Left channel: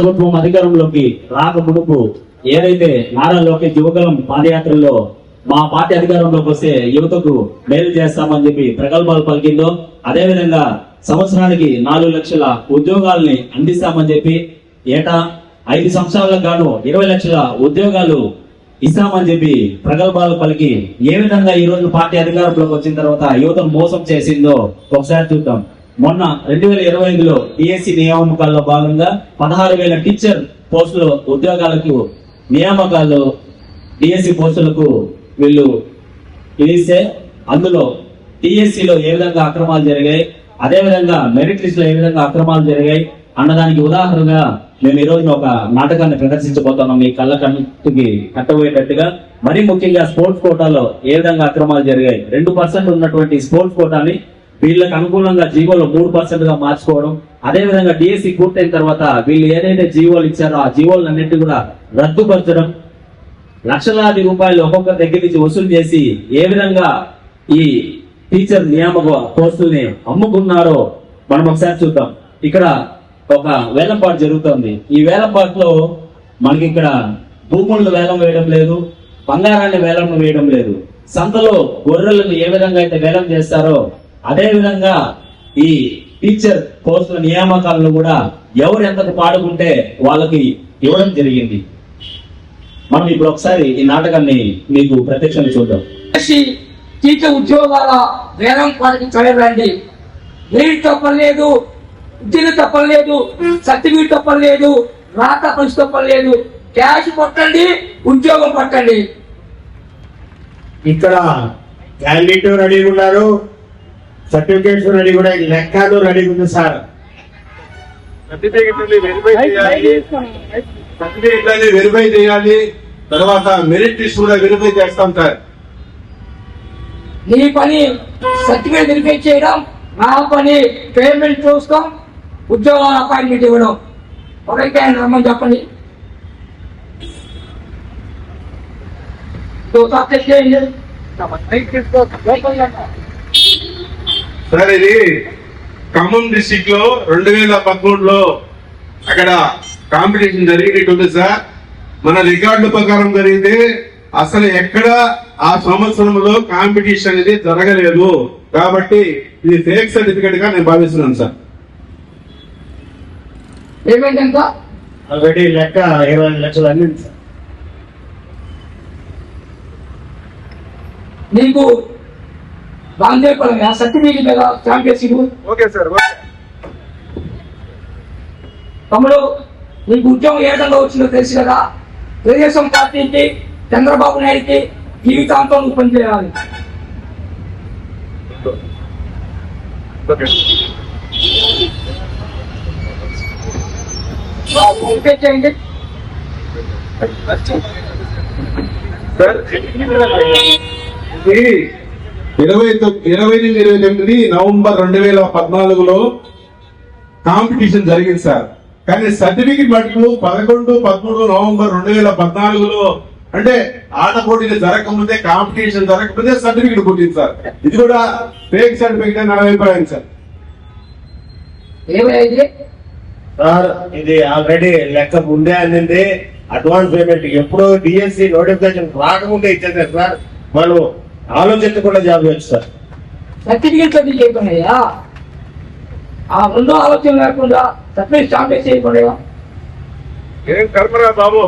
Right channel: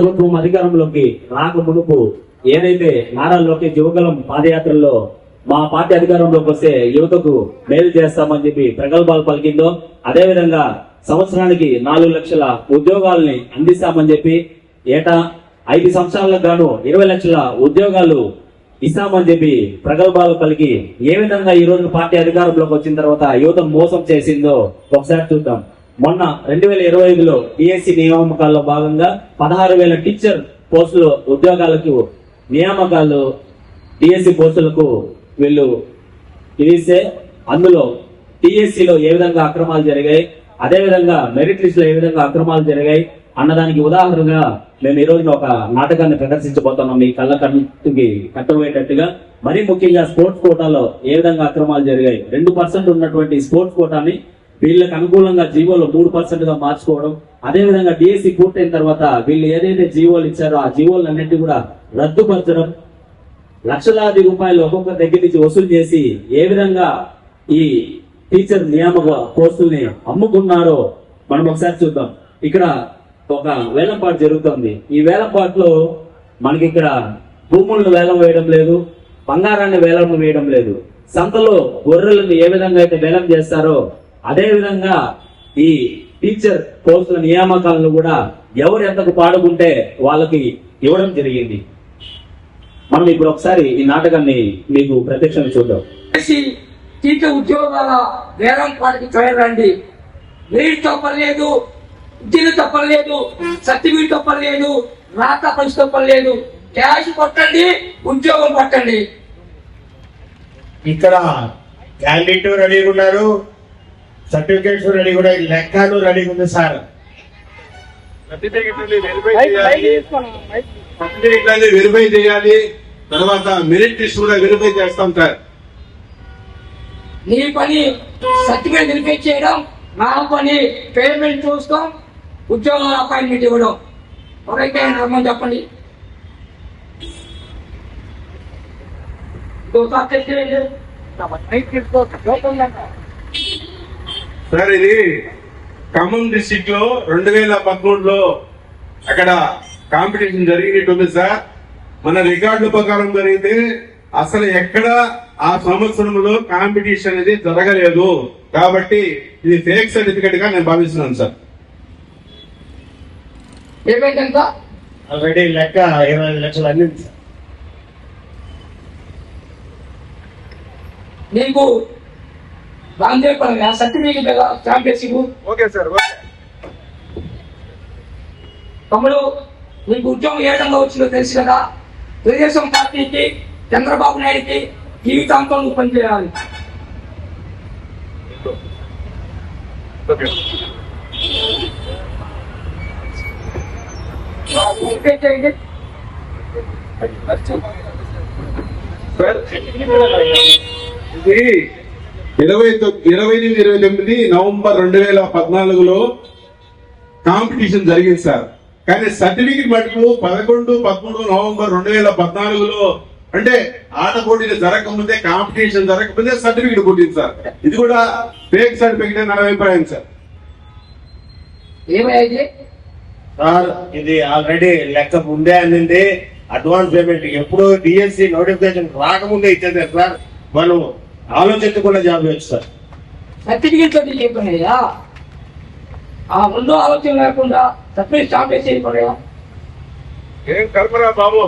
ప్రభుత్వం అధికారంలోకి రాక మునుపు ఏదైతే నారా లోకేష్ యువకులం పాదయాత్రలో మా పార్టీ అధికారంలోకి వస్తే యువతకు మేలు చేస్తామని చెప్పి ప్రగల్భాలు పలికిందో, అదేవిధంగా సంవత్సరానికి 4 లక్షల ఉద్యోగాలని అందిస్తామని చెప్పి ఏటా 5 సంవత్సరాలకు గాను 20 లక్షల ఉద్యోగాలు ఇస్తామని చెప్పి ప్రగల్భాలు పలికి ఏ విధంగా ఈ రోజు పార్టీ అధికారంలోకి వచ్చిన తర్వాత యువతను మోసం చేసిందో ఒకసారి చూద్దాం. మొన్న 2025లో డిఎస్సి నియామకాల్లో భాగంగా 16,000 టీచర్ పోస్టులు ఉద్యోగాలకు నియామకాలు డిఎస్సి పోస్టులకు వీళ్ళు ఇస్తే అందులో టిఎస్సిలో ఏ విధంగా అక్రమాలు జరిగాయి, అదే విధంగా మెరిట్ లిస్ట్ లో ఏ విధంగా అక్రమాలు జరిగాయి అన్నదానికి ఉదాహరణగా మేము ఈ రోజున ఒక నాటకాన్ని ప్రదర్శించబోతున్నాం. మీ కళ్ళ కంటికి కట్టబోయేటట్టుగా మరీ ముఖ్యంగా స్పోర్ట్స్ కోటాలో ఏ విధంగా అక్రమాలు జరిగాయి. 2% ఉన్నటువంటి స్పోర్ట్స్ కోటాని వీళ్ళకి అనుకూలంగా జీవోలు 3% గా మార్చుకోవడం, అదే విధంగా డిఎస్సి పూర్తయిన తర్వాత వీళ్ళు ఏదైతే జీవోలు ఇచ్చారో ఆ జీవోలన్నింటినీ కూడా రద్దుపరచడం, లక్షలాది రూపాయలు ఒక్కొక్క దగ్గర నుంచి వసూలు చేసి ఏ విధంగా ఈ టీచర్ నియామక పోస్టుల్ని అమ్ముకున్నారో మనం ఒకసారి చూద్దాం. ఇక్కడ ఒక వేలంపాటు జరుగుతుంది. ఈ వేలంపాటులో మనకి ఇక్కడ భూములను వేలం వేయడం లేదు, బంగారాన్ని వేలం వేయడం లేదు. సంతలో గొర్రెలను ఏ విధంగా అయితే వేలం చేస్తారో అదే విధంగా ఈ టీచర్ పోస్టుల నియామకాలను కూడా ఎవరు ఎంతకు పాడుకుంటే వాళ్ళకి ఇవ్వడం జరిగింది. మనం ఇప్పుడు ఒకసారి ఈ నాటకాన్ని మీకు ప్రత్యక్షంగా చూద్దాం. టీచర్ ఉద్యోగాల వేలం పాటికి చూడండి. గ్రేడ్ తప్పలేదు, ఉద్యోగం తప్పలేదు, సర్టిఫికేట్ తప్పలేదు, రాత పరిస్థితి తప్పలేదు. క్యాష్ పట్టండి, ఉద్యోగం పట్టండి. ఇక్కడ క్యాండిడేట్ రెడీగా ఉన్నారు, సర్టిఫికేట్స్ రెడీ కూడా, లెక్కలు రెడీగా ఉంది సార్. సర్టిఫికేట్ వెరిఫై చేయాలి, తర్వాత మెరిట్ లిస్ట్ కూడా వెరిఫై చేస్తాం సార్. నీ పని సర్టిఫికేట్ వెరిఫై చేయడం, నా పని పేమెంట్ చూస్తాం, ఉద్యోగాల అపాయింట్మెంట్ ఇవ్వడం. ఎవరైతే రమ్మని చెప్పండి. సార్ ఇది ఖమ్మం డిస్టిక్ లో 2013లో అక్కడ కాంపిటీషన్ జరిగినట్టుంది సార్. మన రికార్డుల ప్రకారం జరిగితే అసలు ఎక్కడ ఆ సంవత్సరంలో కాంపిటీషన్ అనేది జరగలేదు. కాబట్టి ఇది ఫేక్ సర్టిఫికేట్ గా నేను భావిస్తున్నాను సార్. పేమెంట్ ఎంత? ఆల్రెడీ లెక్క 20 లక్షలు అందింది సార్. నీకు దాని సర్టిఫికేట్ కదా స్టాంప్ చేసి ఓకే సార్. ఓకే తమ్ముడు, నీకు ఉద్యోగం ఏ విధంగా వచ్చిందో తెలుసు కదా. తెలుగుదేశం పార్టీకి, చంద్రబాబు నాయుడికి జీవితాంతం నువ్వు పనిచేయాలి. చేయండి సార్. ఇది 28-29 నవంబర్ 2014లో కాంపిటీషన్ జరిగింది సార్. కానీ సర్టిఫికెట్ మటుకు 11-13 నవంబర్ 2014లో, అంటే ఆట పోటీలు జరగకముందే, కాంపిటీషన్ జరగకముందే సర్టిఫికెట్ పుట్టింది సార్. ఇది కూడా ఫేక్ సర్టిఫికెట్ అని నా అభిప్రాయం సార్. ఏమైంది సార్ ఇది ఆల్రెడీ లెక్క ముందే అందింది. అడ్వాన్స్ పేమెంట్ ఎప్పుడు డిఎస్సి నోటిఫికేషన్ రాకముందే ఇచ్చేది సార్. మనం ఆలోచించకుండా జాబ్ చేయొచ్చు సార్. సర్టిఫికేట్ అది చేయకుండా ఆ ముందు ఆలోచన లేకుండా సర్టిఫికేట్ స్టాంప్ చేయకుండా ఏం కర్మరా బాబు,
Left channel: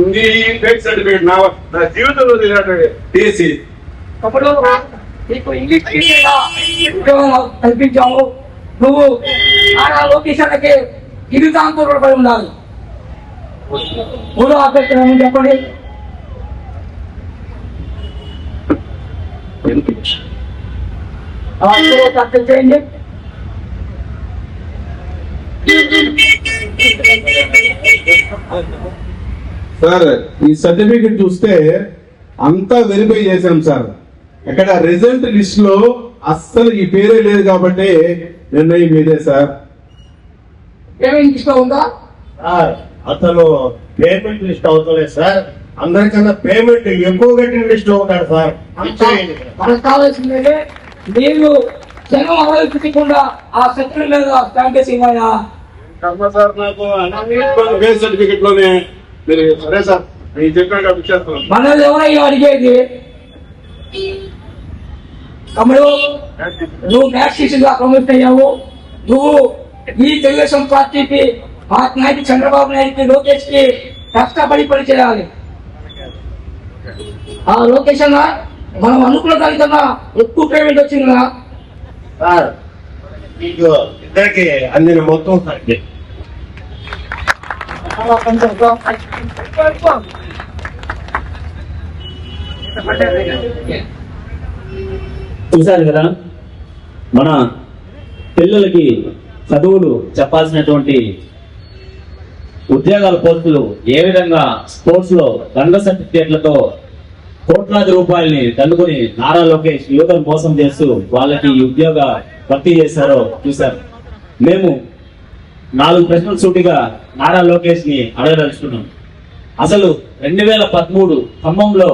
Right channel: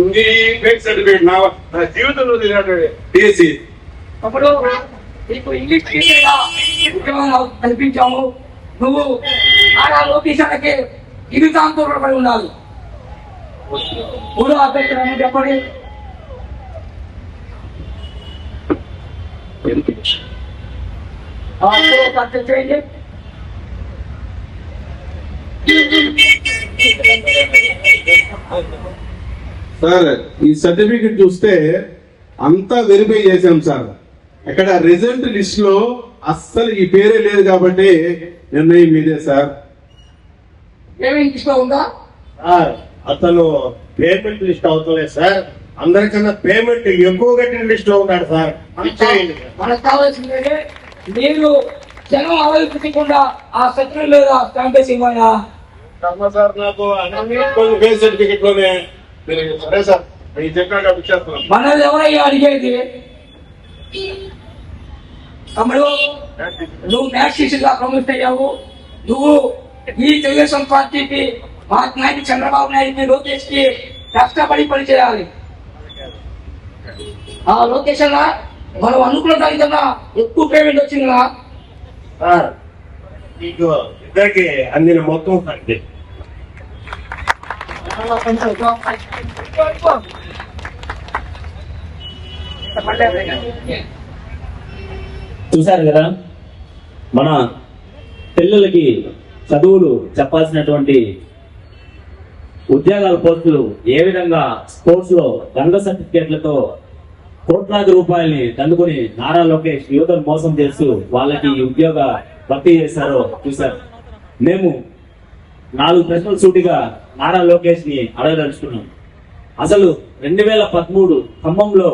ఇది ఫేక్ సర్టిఫికేట్ నా జీవితంలో టీఎస్సీ. అప్పుడు నీకు ఇంగ్లీష్ టీచర్గా ఉద్యోగం కల్పించాము. నువ్వు ఆడ లొకేషన్లకి జీవితాంతో పడి ఉండాలి. మూడో అభ్యర్థి చెప్పండి. అర్థం చేయండి. సార్ ఈ సర్టిఫికెట్ చూస్తే అంతా వెరిఫై చేశాం సార్. ఇక్కడ రిజల్ట్ లిస్ట్ లో అస్సలు ఈ పేరే లేదు కాబట్టి నిర్ణయం ఇదే సార్. ఏమేమి లిస్ట్ లో ఉందా సార్? అతను పేమెంట్ లిస్ట్ అవుతలేదు సార్. అందరికన్నా పేమెంట్ ఎక్కువ కట్టిన లిస్ట్ లో ఉన్నాడు సార్. మనకు కావాల్సిందే మీరు జనం ఆలోచించకుండా ఆ సత్యం లేదా స్టాంప్ వేసి సార్ నాకు బేస్ సర్టిఫికెట్ లోనే మీరు సరే సార్ మీరు చెప్పినట్టు ఇచ్చేస్తున్నాం. మనల్ని ఎవరయ్యా అడిగేది? తమ్ముడు, నువ్వు మ్యాథ్స్ టీచర్ గా ప్రమోట్ అయ్యావు. నువ్వు ఈ తెలుగుదేశం పార్టీకి, మహాత్మా నాయుడు, చంద్రబాబు నాయుడుకి, లోకేష్ కి కష్టపడి పని చేయాలి. ఆ లోకేష్ అన్న మనం అనుకున్న దానికన్నా ఎక్కువ పేమెంట్ వచ్చిందా? సార్ మీకు ఇద్దరికి అందిన మొత్తం సార్ ఇది. చూశారు కదా, మన పిల్లలకి చదువులు చెప్పాల్సినటువంటి ఉద్యోగాల పోస్టులు ఏ విధంగా స్పోర్ట్స్ లో దండ సర్టిఫికేట్లతో కోట్లాది రూపాయల్ని దండుకొని నారా లోకేష్ యువతను మోసం చేస్తూ వాళ్ళకి ఈ ఉద్యోగ భర్తీ చేశారో చూశారు. మేము 4 ప్రశ్నలు సూటిగా నారా లోకేష్ ని అడగదలుచుకున్నాం. అసలు 2013 ఖమ్మంలో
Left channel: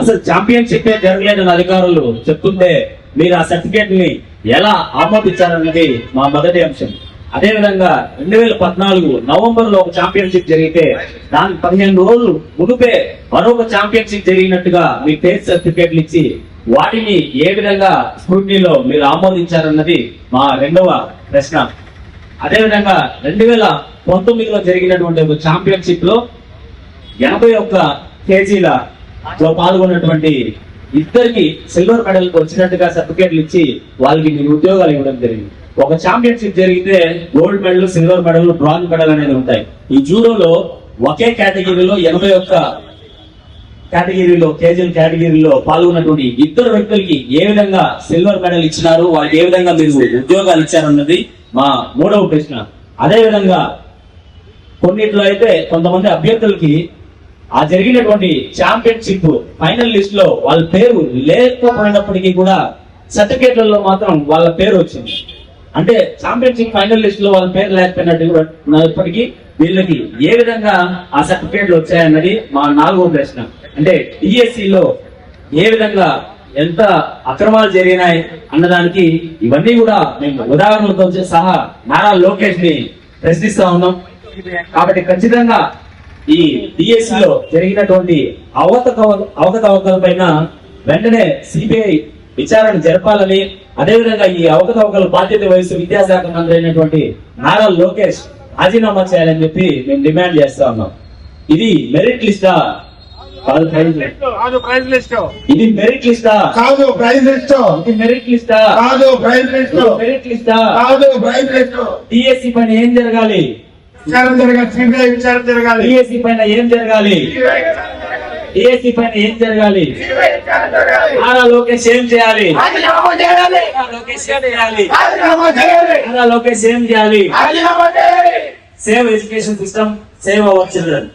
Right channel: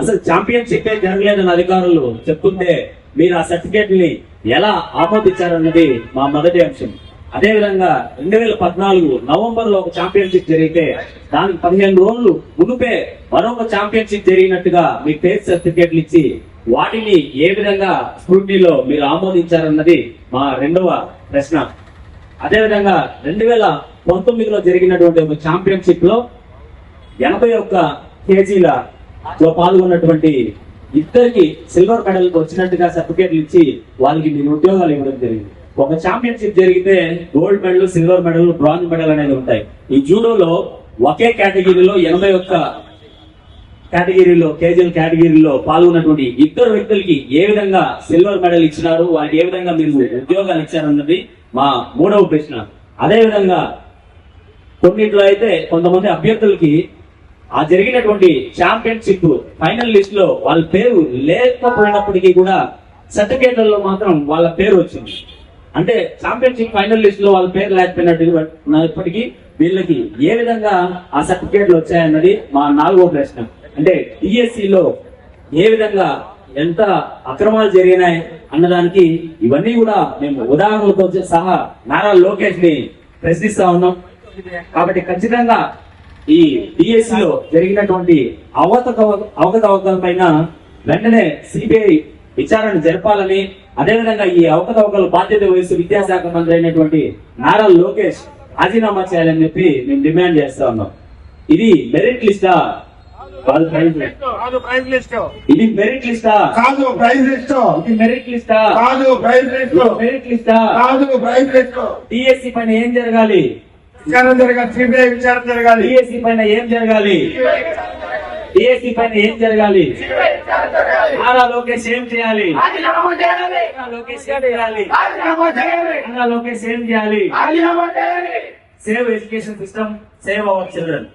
అసలు ఛాంపియన్షిప్ జరగలేదని అధికారులు చెప్తుంటే మీరు ఆ సర్టిఫికేట్ ని ఎలా ఆమోదించారన్నది మా మొదటి అంశం. అదేవిధంగా 2014 నవంబర్ లో ఒక ఛాంపియన్షిప్ జరిగితే దానికి 15 రోజులు మునుపే మరొక ఛాంపియన్షిప్ జరిగినట్టుగా మీ టేస్ట్ సర్టిఫికేట్లు ఇచ్చి వాటిని ఏ విధంగా స్క్రూటినీలో మీరు ఆమోదించారన్నది మా రెండవ ప్రశ్న. అదేవిధంగా 2019లో జరిగినటువంటి ఒక ఛాంపియన్షిప్ లో 81 కేజీల పాల్గొన్నటువంటి ఇద్దరికి సిల్వర్ మెడల్ వచ్చినట్టుగా సర్టిఫికేట్లు ఇచ్చి వాళ్ళకి మీరు ఉద్యోగాలు ఇవ్వడం జరిగింది. ఒక ఛాంపియన్షిప్ జరిగితే gold medal, silver medal, bronze medal అనేది ఉంటాయి. ఈ జూడోలో ఒకే కేటగిరీలో 81 కేటగిరీలో కేటగిరీలో పాల్గొన్నటువంటి ఇద్దరు వ్యక్తులకి ఏ విధంగా సిల్వర్ మెడల్ ఇచ్చినారు, వాళ్ళకి ఏ విధంగా మీరు ఉద్యోగాలు ఇచ్చారన్నది మా మూడవ ప్రశ్న. అదే విధంగా కొన్నిట్లో అయితే కొంతమంది అభ్యర్థులకి ఆ జరిగినటువంటి ఛాంపియన్షిప్ ఫైనల్ లిస్ట్ లో వాళ్ళ పేరు లేకపోయినప్పటికీ కూడా సర్టిఫికేట్లలో మాత్రం వాళ్ళ పేరు వచ్చింది. అంటే ఛాంపియన్షిప్ ఫైనల్ లిస్ట్ లో వాళ్ళ పేరు లేకపోయినప్పటికీ వీళ్ళకి ఏ విధంగా ఆ సర్టిఫికేట్లు వచ్చాయన్నది మా 4వ ప్రశ్న. అంటే డిఎస్సి లో ఏ విధంగా ఎంత అక్రమాలు జరిగినాయి అన్నదానికి ఇవన్నీ కూడా మేము ఉదాహరణలతో సహా నారా లోకేష్ ని ప్రశ్నిస్తా ఉన్నాం. కాబట్టి ఖచ్చితంగా ఈ డిఎస్సి లో జరిగినటువంటి అవకతవకల పైన వెంటనే సిబిఐ విచారణ జరపాలని, అదేవిధంగా ఈ అవకతవకలు బాధ్యత వహిస్తూ విద్యాశాఖ మంత్రి అయినటువంటి నారా లోకేష్ రాజీనామా చేయాలని చెప్పి మేము డిమాండ్ చేస్తా ఉన్నాం. ఇది మెరిట్ లిస్టా? కాదు ప్రైజ్ లిస్ట్. ఇది మెరిట్ లిస్టా? కాదు ప్రైజ్ లిస్ట్. ఇది మెరిట్ లిస్టా? కాదు ప్రైజ్ లిస్ట్. మెరిట్ లిస్టా? కాదు ప్రైజ్ లిస్ట్. డిఎస్సి పైన ఏం జరగాలి? విచారణ జరగాలి. సిబిఐ విచారణ జరగాలి. డిఎస్సి పైన ఏం జరగాలి? డిఎస్సి పైన ఏం జరగాలి? నారా లోకేష్ ఏం చేయాలి? నారా లోకేష్ ఏం చేయాలి? నారా లోకేష్ ఏం చేయాలి? Save education system, save our children.